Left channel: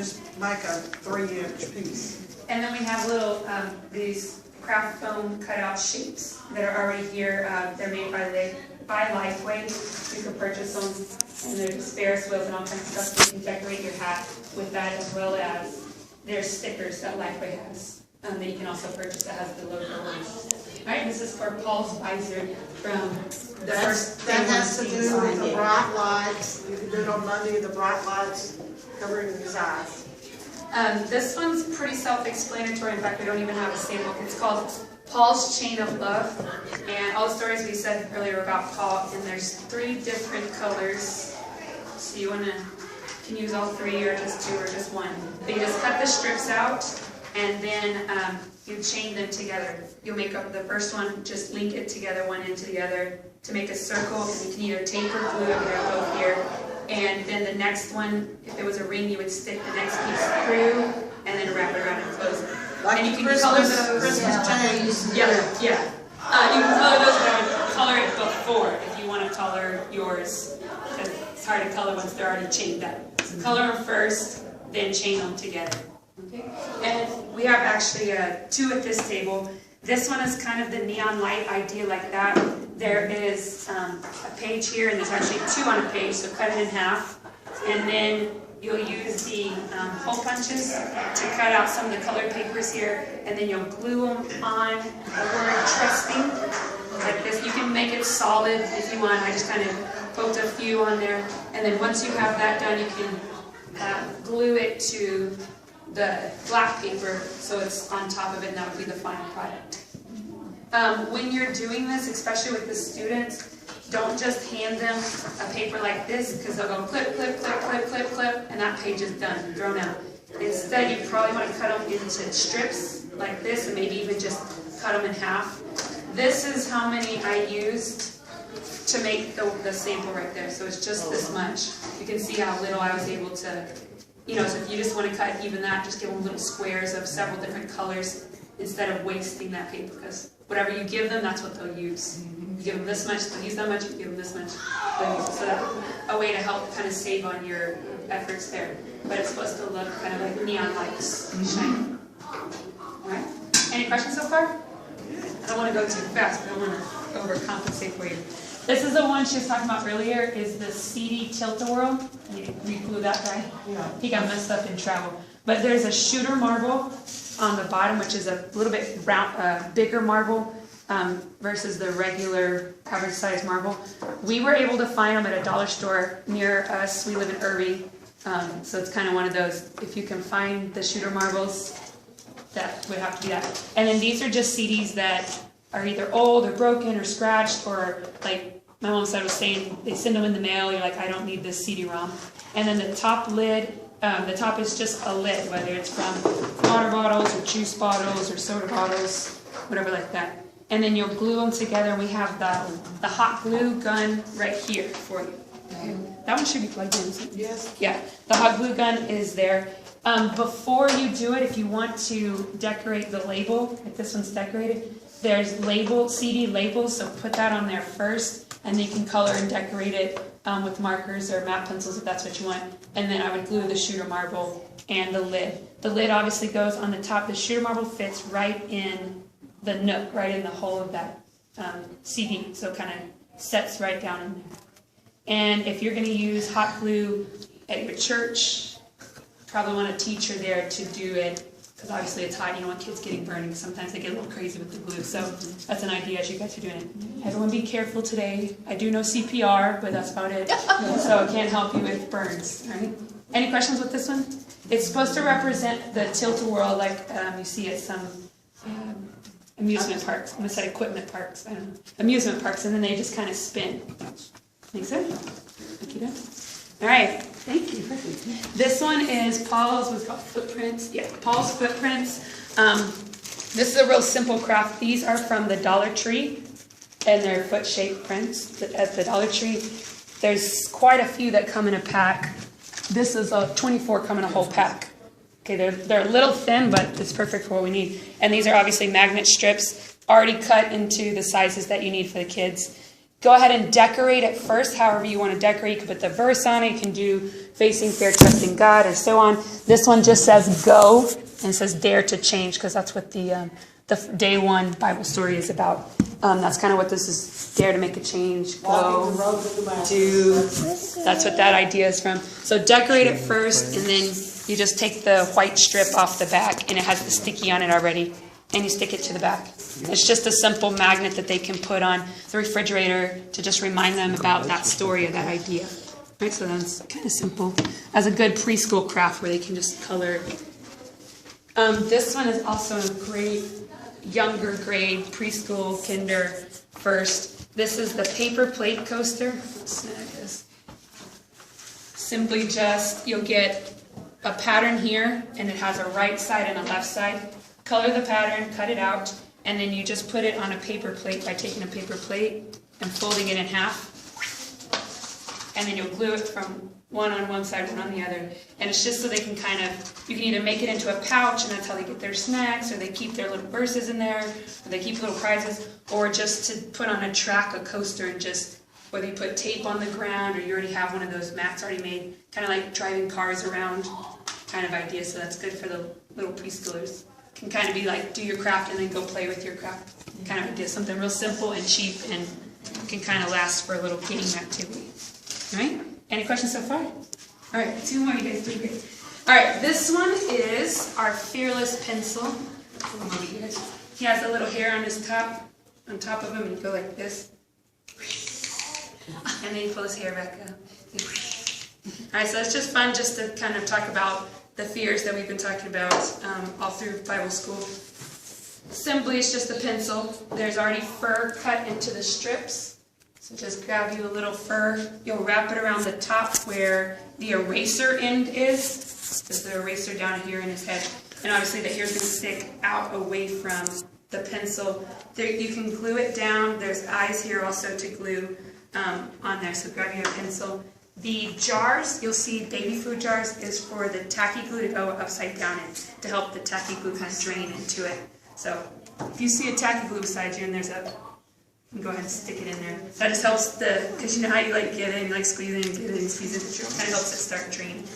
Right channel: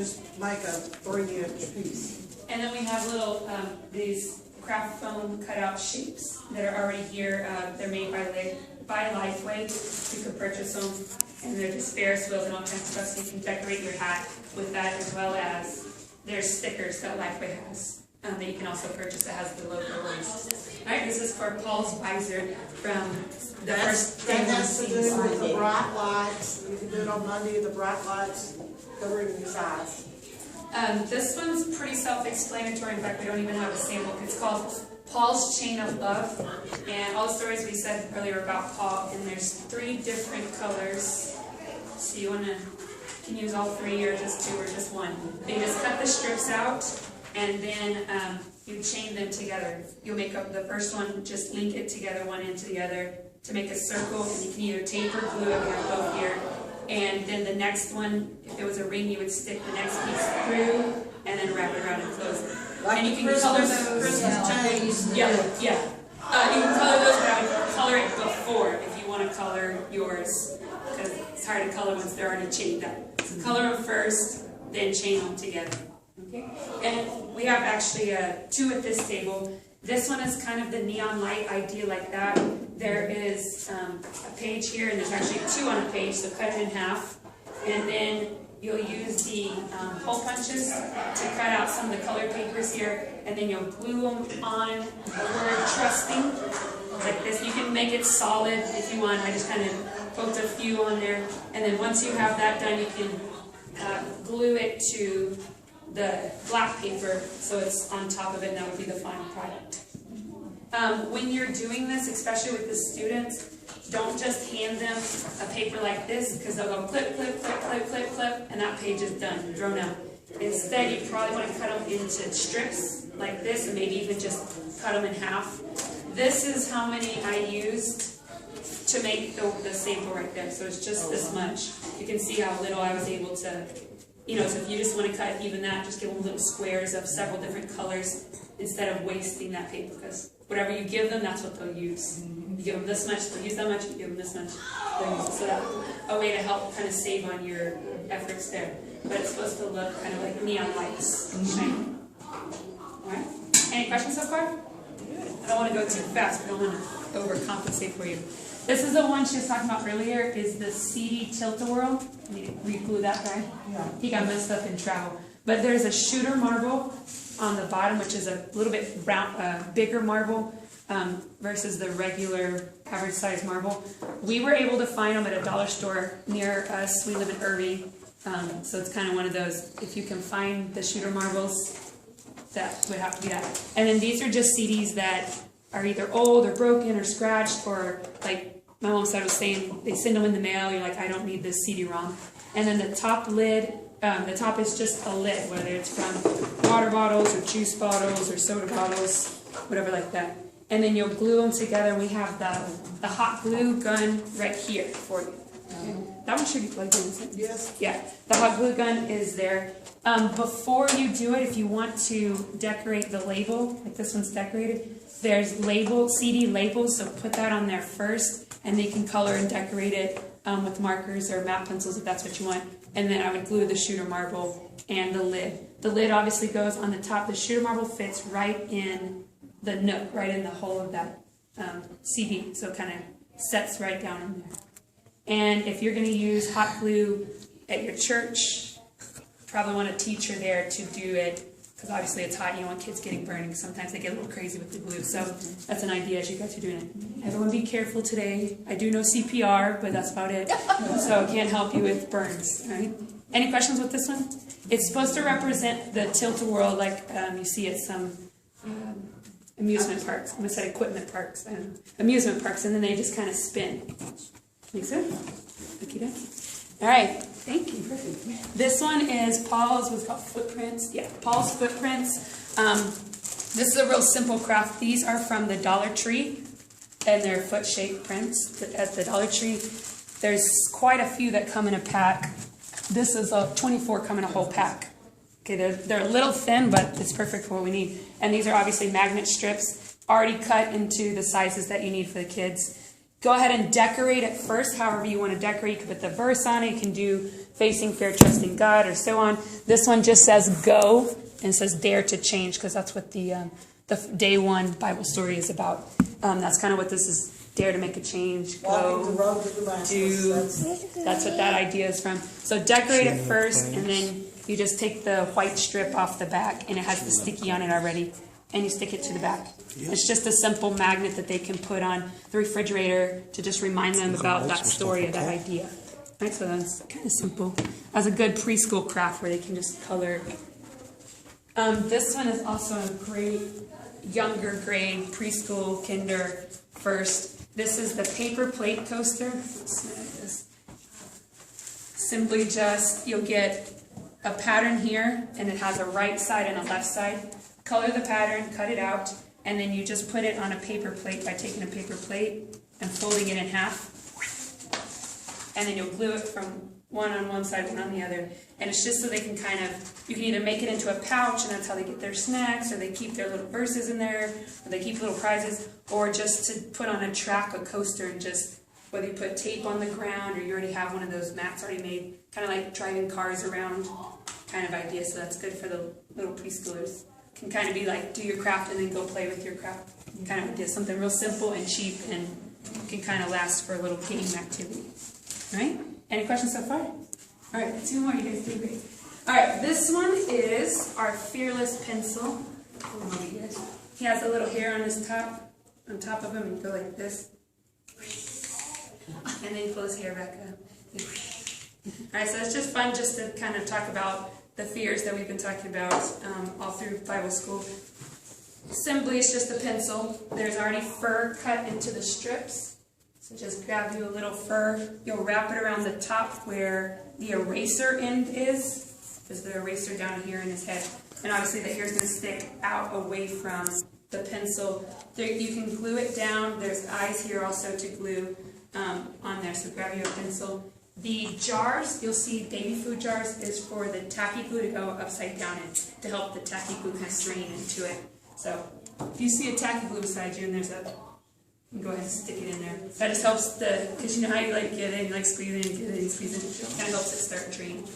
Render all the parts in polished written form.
just make a 3-inch piece. And then we have little, these craft foam cutout shapes that are already here. They're made by Lifeway. You can purchase them, and they're just Ferris wheels and all kinds of stuff, so you can decorate your hat with that, as well as there's stickers that Lifeway has that you can also purchase that has the logo on it. All right, this is for Paul's visor from the first day That one has to team do with signed the it. bright lights. You can do it on Monday, the bright lights covering his eyes. This one's pretty self-explanatory. In fact, we don't even have a sample. It's called Paul's Chain of Love, and all the stories we said earlier about Paul, and there's 3 different colors. So you can use all 3 or just 2 or just 1. But you just cut the strips out, and then you chain them together. You'll make up the first one, just link it together, one end to the other, to make a circle, and you can either tape or glue it. We have both here. And then the next one, if it was a ring, you would stick the next piece through and then wrap it around and close it. Like and you can Christmas, color those. Christmas tags. Yeah. You can color those, but I would color it before if you want to color yours, because it's hard to color once they're already chained up. So color them first, then chain them together. Okay. And we have actually 2 at this table. This one is kind of the neon light idea, like that. There is a page here, and there's actually 2 on a page, so cut it in half. And then you'll use the hole punches to cut out some of the colored papers here, and then you'll glue them on the word trusting, like this. You can make it solid if you want. I just kind of poked a few on there. And then once you have that done, you can glue it to the black paper, so it's on top of it, and that would be the final product. When you're doing this, especially with the students, don't just hand them a paper like this, because they'll go clip, clip, clip, clip, clip, clip, and that page is done, thrown out. Instead, you probably want to cut them into strips like this, and maybe even just cut them in half. This is how many I used to make the sample right there, so it's just this much. You can see how little I was able to, so if you just want to cut even that, just give them little squares of several different colors instead of wasting that paper, because whatever you give them, that's what they'll use. You give them this much, they'll use that much. You give them this much, they'll use it. So that's a way to help kind of save on your efforts there. But it's supposed to look kind of like neon lights shining. All right? Any questions so far? I don't want to go too fast, but I don't want to overcompensate for you. This is the one she was talking about earlier, is the CD Tilt-A-Whirl. You glue that guy? Yeah. He got messed up in travel. But there's a shooter marble on the bottom, which is a little bit round, bigger marble versus the regular average size marble. We were able to find them at a dollar store near us. We live in Irving, so it's kind of one of those, if you can find the shooter marbles, that would have to be that. And then these are just CDs that are either old or broken or scratched, or like my mom said was saying, they send them in the mail, you're like, I don't need this CD-ROM. And then the top lid, the top is just a lid, whether it's from water bottles or juice bottles or soda bottles, whatever like that. And then you'll glue them together. We have the hot glue gun right here for you. Okay. That one should be plugged in, isn't it? Yes. Yeah, the hot glue gun is there. Before you do it, if you want to decorate the label, like this one's decorated, there's CD labels, so put that on there first, and then you can color and decorate it with markers or matte pencils if that's what you want. And then I would glue the shooter marble and the lid. The lid obviously goes on the top. The shooter marble fits right in the nook, right in the hole of that CD, so it kind of sets right down in there. And if you're going to use hot glue at your church, probably want a teacher there to do it, because obviously it's hot, you don't want kids getting burned. Sometimes they get a little crazy with the glue, so that's an idea as you guys are doing it. Everyone be careful today. I do know CPR, but that's about it. So it can't help you with burns, right? Any questions with this one? It's supposed to represent the Tilt-A-Whirl like you see at some amusement parks. I almost said equipment parks. Amusement parks, and then they just kind of spin. Make sense? Okay. All right, thank you. This one is Paul's, what's called Footprints. Yeah, Paul's Footprints. This is a real simple craft. These are from the Dollar Tree, and they're foot-shaped prints at the Dollar Tree. There's quite a few that come in a pack. This is a 24 come in a whole pack. Okay, they're a little thin, but it's perfect for what we need. And these are obviously magnet strips, already cut into the sizes that you need for the kids. go ahead and decorate it first, however you want to decorate. You can put the verse on it. You can do facing fair, trusting God, or so on. This one just says go, and it says dare to change, because that's what the day one Bible story is about. That's kind of what this is, dare to make a change, go, do. That's what that idea is from. So decorate it first, and then you just take the white strip off the back, and it has the sticky on it already, and you stick it to the back. It's just a simple magnet that they can put on the refrigerator to just remind them about that story or that idea. Right, so that's kind of simple. As a good preschool craft where they can just color. This one is also a great younger grade, preschool, kinder, first. This is the paper plate coaster. Let's snag this. Simply just, you'll get a pattern here, and it has a right side and a left side. Color the pattern, cut it out, and then you just put it on a paper plate by taking a paper plate and folding it in half. And then you'll glue it from one on one side, one on the other. And it's just so they can kind of, you can either make it into a pouch, and that's how they get their snacks, or they keep their little verses in there, or they keep little prizes, or just to put on a track, a coaster, and just, whether you put tape on the ground, or you already have one of those mats already made, kind of like driving cars around kind of idea. So that's good for the little preschoolers. Can kind of be like, do your craft and then go play with your craft kind of idea. Something real simple and cheap, and can kind of last for a little game activity. All right? Any questions so far? All right, 2 more. You guys doing great. All right, this one is our Fearless pencil. He has a little hair on his top, on top of him, and you go like this. And then you pull his hair back up. All right, so it's just fun just to kind of talk about the fears that we've been talking about all through Bible school. Simply, it's just a pencil. There's already fur cut into the strips. So just grab you a little fur. You'll wrap it around the top where the eraser end is. There's the eraser down here in his head. And obviously the hair's going to stick out away from the pencil. There, you can glue it down. There's eyes here also to glue on there. So grab your pencil. The jars, you'll see baby food jars, is for the tacky glue to go upside down and to help the tacky glue kind of drain into it. So if you see a tacky glue beside you and there's a, you can go ahead and stick it in there. That just helps because you know how you like get it, you like squeeze it and get it and squeeze it, it kind of helps it start draining.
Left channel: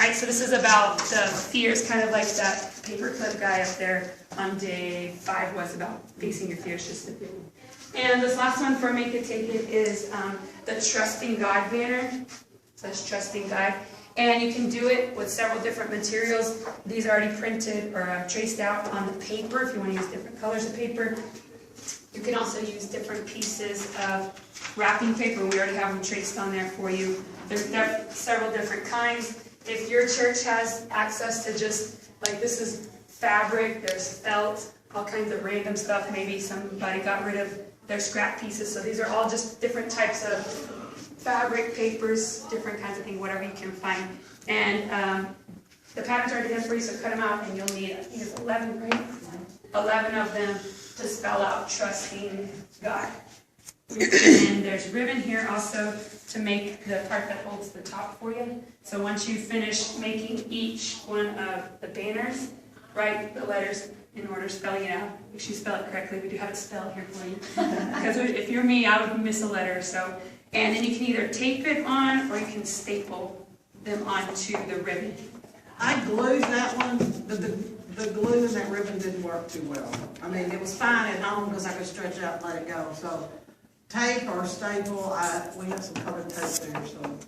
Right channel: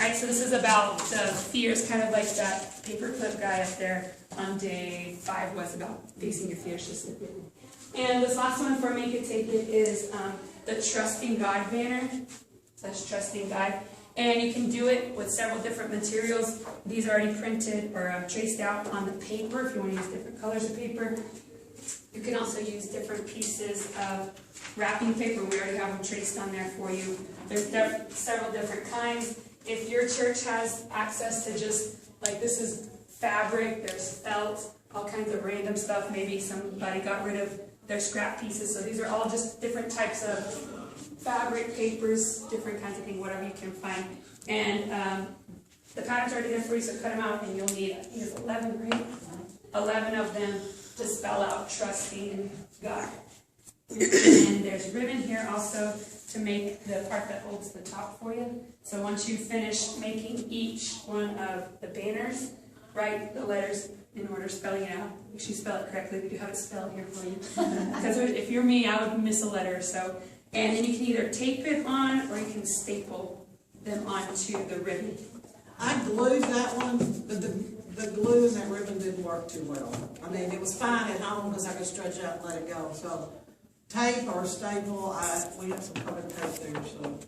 Alright, so this is about the fears, kind of like that paperclip guy up there on day 5 was about facing your fears, just the fear. And this last one for Make It Take It is the Trusting God banner. So that's Trusting God. And you can do it with several different materials. These are already printed or traced out on the paper if you want to use different colors of paper. You can also use different pieces of wrapping paper. We already have them traced on there for you. There's several different kinds. If your church has access to just, like this is fabric, there's felt, all kinds of random stuff. Maybe somebody got rid of their scrap pieces. So these are all just different types of fabric, papers, different kinds of things, whatever you can find. And the patterns are already there for you, so cut them out, and you'll need, I think it's 11, right? 11 of them to spell out Trusting God. And there's ribbon here also to make the part that holds the top for you. So once you finish making each one of the banners, write the letters in order, spelling it out. Make sure you spell it correctly. We do have it spelled here for you. Because if you're me, I would miss a letter. So, and then you can either tape it on or you can staple them onto the ribbon. I glued that one, but the glue in that ribbon didn't work too well. I mean, it was fine at home because I could stretch out and let it go. So tape or staple, we have some colored tape there. So.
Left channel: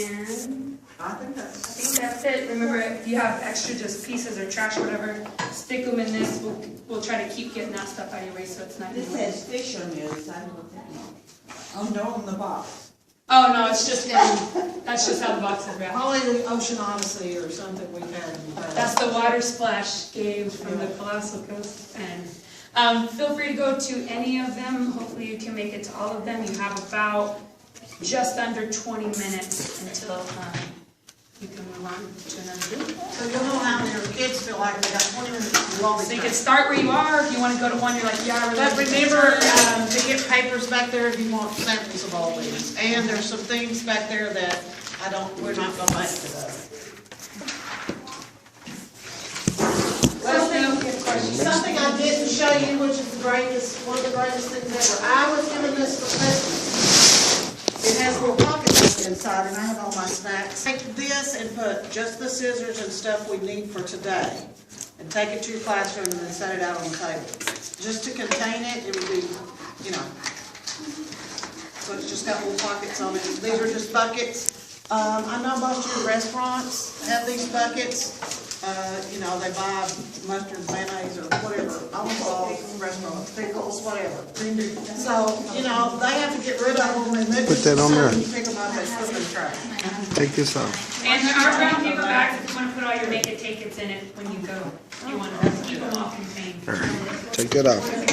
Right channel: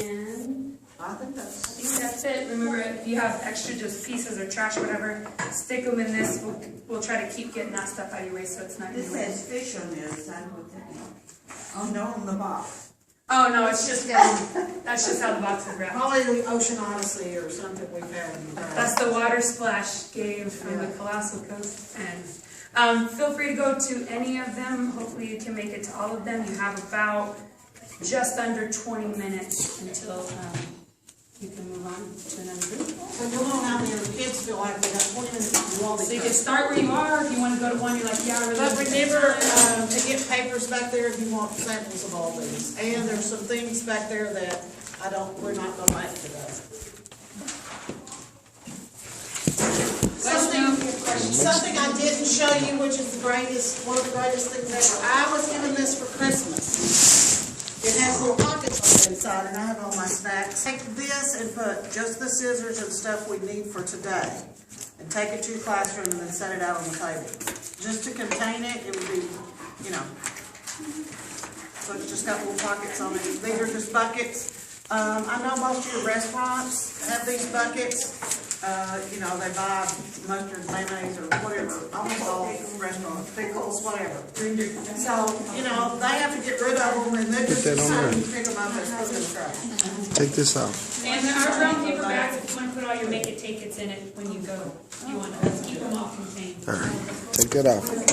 And I think that's it. Remember, if you have extra just pieces or trash or whatever, stick them in this. We'll try to keep getting that stuff out of your way so it's not. This says fish on the other side. Oh no, on the box. Oh no, it's just that's just how the box is wrapped. probably the Ocean Odyssey or something we found in the past. That's the water splash game from the Colossal Coast. And feel free to go to any of them. Hopefully you can make it to all of them. You have about just under 20 minutes until you can move on to another group. So you'll know how your kids feel like they got 20 minutes to do all these So you can things. start where you are. If you want to go to one, you're like, yeah, I really But want to remember to get papers back there if you want samples of all these. And there's some things back there that we're not going to make today. Let us know if you have questions. something I didn't show you, which is the greatest, one of the greatest things ever. I was given this for Christmas. It has little pockets inside, and I have all my snacks. Take this and put just the scissors and stuff we need for today, and take it to your classroom and then set it out on the table. Just to contain it, it would be, you know. So it's just got little pockets on it. These are just buckets. I know most of your restaurants have these buckets. You know, they buy mustard, mayonnaise, or whatever, almost all restaurants, pickles, whatever. So, you know, they have to get rid of them, and then just that on there. you pick them up and put them in the trash. Take this out. And there are brown paper bags if you want to put all your make it tickets in it when you go. You want to keep them all contained. Take that out.